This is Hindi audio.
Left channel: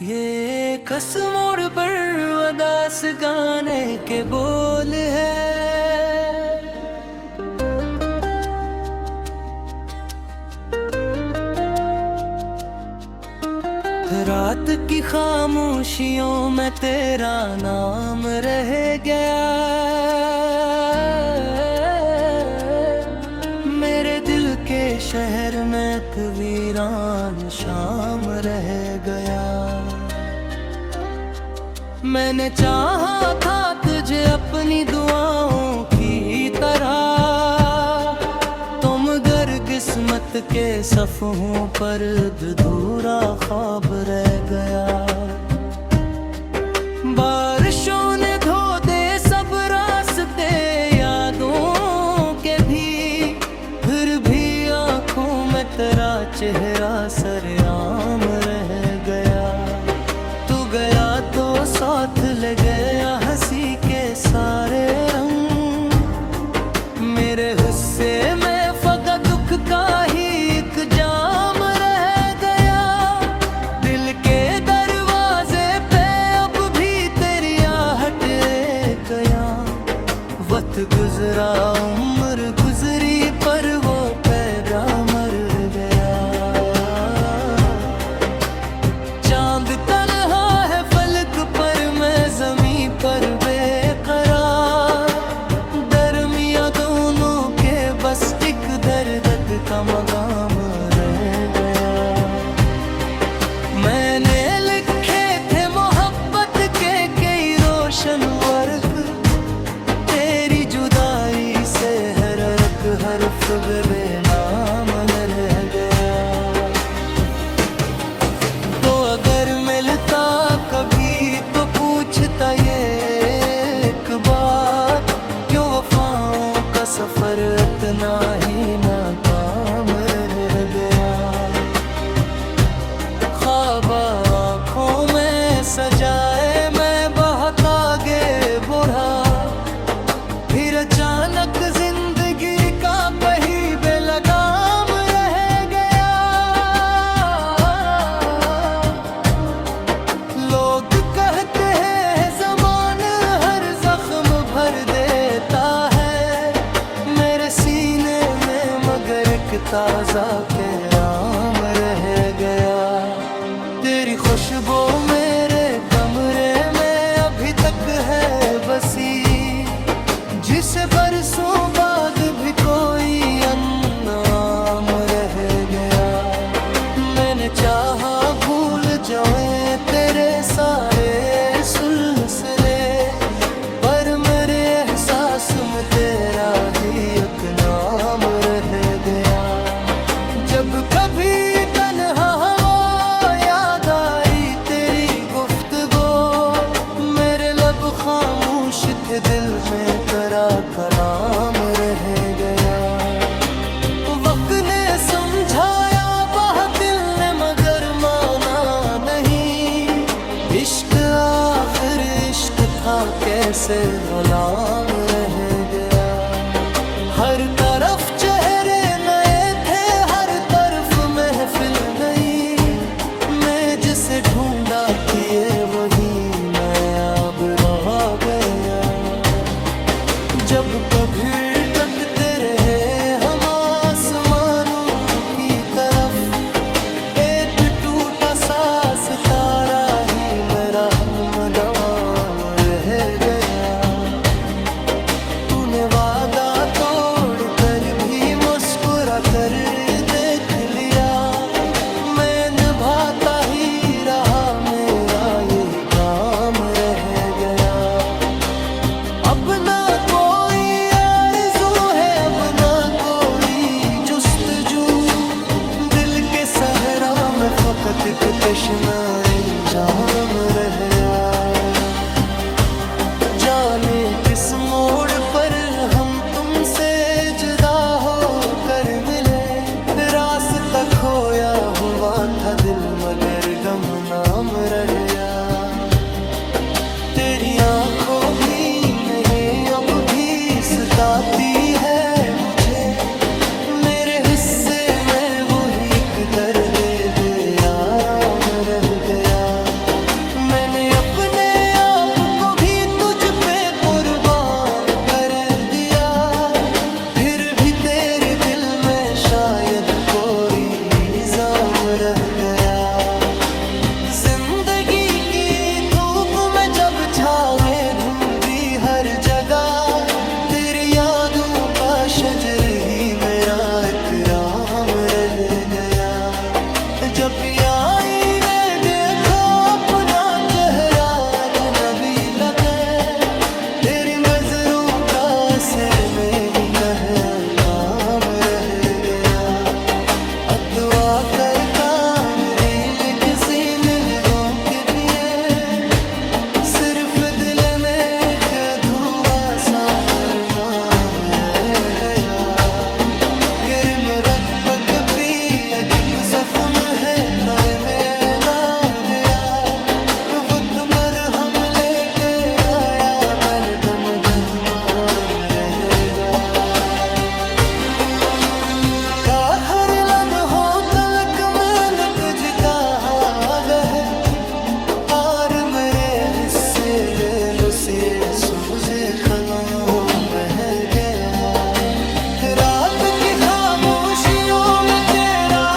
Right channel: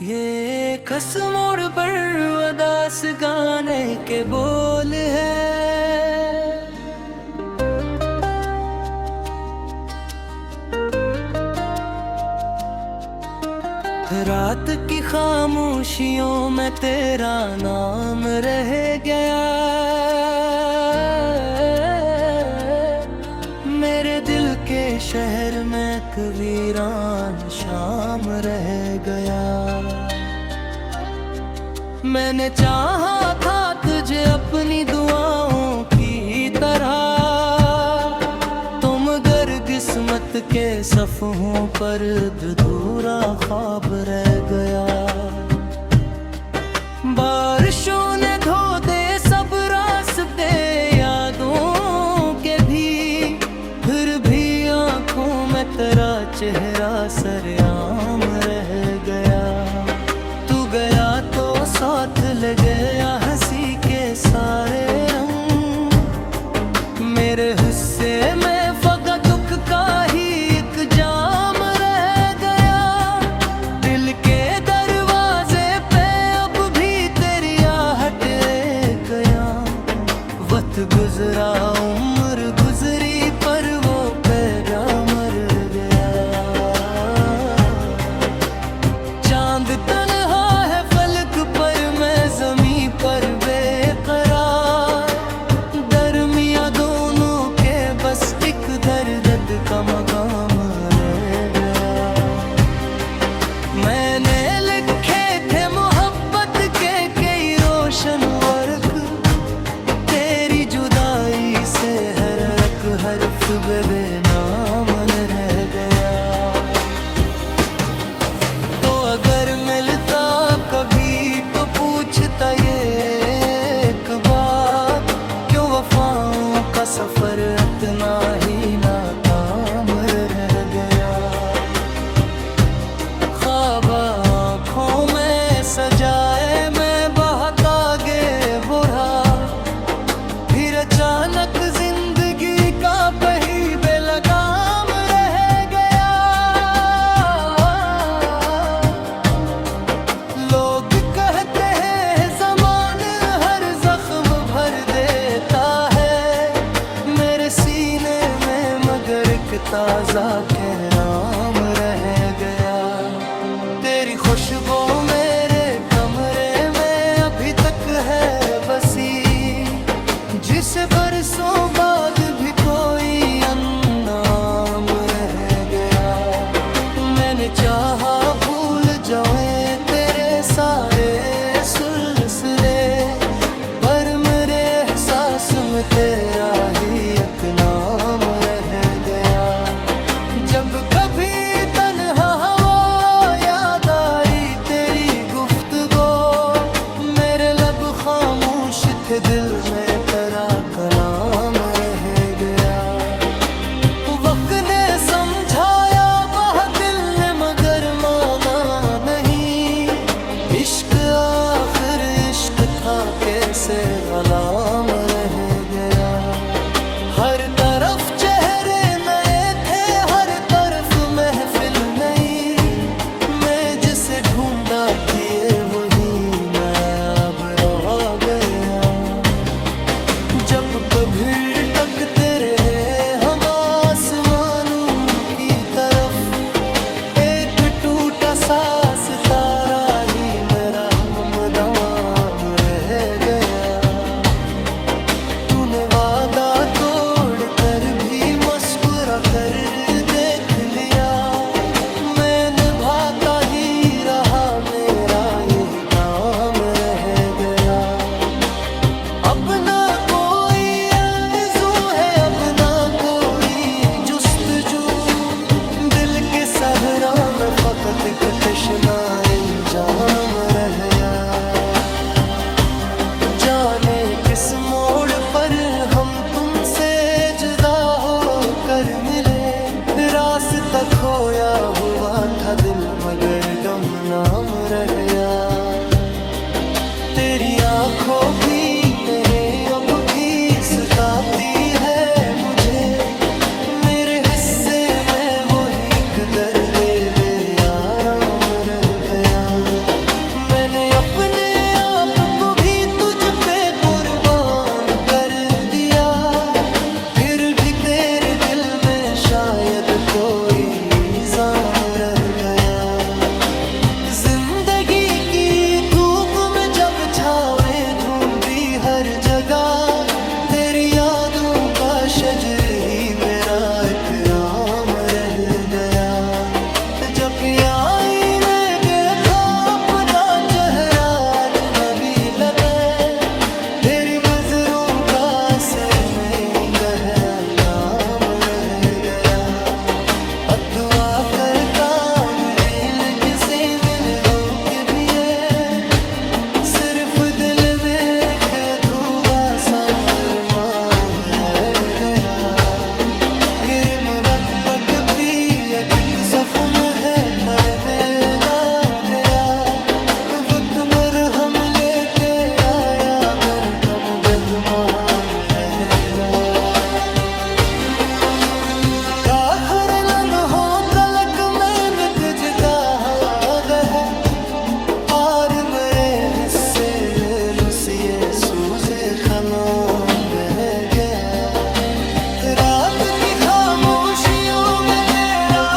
ये कस मोड़ पर उदास गाने के बोल है। रात की खामोशियों में तेरा नाम रह गया। मेरे दिल के शहर में एक वीरान शाम रह गया। मैंने चाहा था तुझे अपनी दुआओं की तरह, तुम गर किस्मत के सफ़ों पर अधूरा ख्वाब रह गया। बारिशों ने धो दे सब रास्ते यादों के भी, फिर भी आँखों में तेरा चेहरा सरेआम रह गया। तू गया तो साथ ले गया हंसी के सारे रंग, मेरे हिस्से में फगा दुख का ही एक जाम रह गया। दिल के दरवाजे पे अब भी तेरी आहट गया। वक्त गुजरा उम्र गुजरी पर वो पैरा मर गया। चांद तन्हा है फलक पर, मैं जमीन पर बेकरार। दरमिया दोनों के बस एक दर्द का मकाम रह गया। मैंने लिखे थे मोहब्बत के कई रोशन वर्क, तेरी जुदाई से हर एक हर्फ बेनाम रह गया। तो अगर मिलता कभी तो पूछता ये एक बात, क्यों वफाओं का सफर इतना ही नाकाम रह गया। ख्वाब आँखों में सजाए मैं बहुत आगे बढ़ा, फिर अचानक जिंदगी का पहिया बेलगाम रह गया। लोग कहते हैं ज़माना हर जख्म भर देता है, मेरे सीने में मगर एक ताज़ा कहराम रह गया। तेरी खुशबू मेरे कमरे में अभी तक है बसी, जिसे बरसों बाद भी कोई अननाम रह गया। मैंने चाहा भूल जाऊं तेरे सारे सिलसिले, पर मेरे एहसास में तेरा ही एक नाम रह गया। जब कभी तन्हा हवा याद आई तेरी गुफ्तगू, मेरे लब खामोश थे दिल में तेरा कलाम रह गया। वक्त ने समझाया बहुत दिल ने मगर माना नहीं, इश्क आखिर इश्क था कैसे गुलाम रह गया। हर तरफ चेहरे नए थे हर तरफ महफिल नई, मैं जिसे ढूंढा किए वही नायाब रह गया। जब कभी तकते रहे हम आसमानों की तरफ, एक टूटा सा सितारा ही मेरा हमदम रह गया। तूने वादा तोड़ कर भी मुस्कुरा कर देख लिया, मैं निभाता ही रहा मेरा यही काम रह गया। अपना कोई आरज़ू है अपना कोई जुस्तजू, दिल के सहरा में फकत एक तशना इंजाम रह गया। जाने किस मोड़ पर हम तुमसे जुदा हो कर मिले, रास्ता खोया हुआ था दिल मगर गमनाम रह गया। तेरी आंखों भी नहीं अब भी सताती है मुझे, मेरे हिस्से में वही एक दर्द बेआराम रह गया। शायद कोई इल्जाम रह गया। जिंदगी की धूप में जब छावे धुंधी हर जगह, तेरी यादों का शजर ही मेरा इकराम रह गया। जब आईने देखा अपना चेहरा अजनबी लगे, तेरी नजरों का असर में कह काम रह गया। अतवा कर काम दिल किसी मिलनों के लिए, सिर्फ दिल में एक अधूरा सा अरमान रह गया। किरम रब्बक भी अजब सफन है तरने दा गया। रुफ़त मरहम लेके आया बन दम रहमान रहेगा। हर लम्हों तलक में निकज का है, और मेरे हिस्से ले नुसिए सूझे कलाम रह गया। रात की खामोशियों में तेरा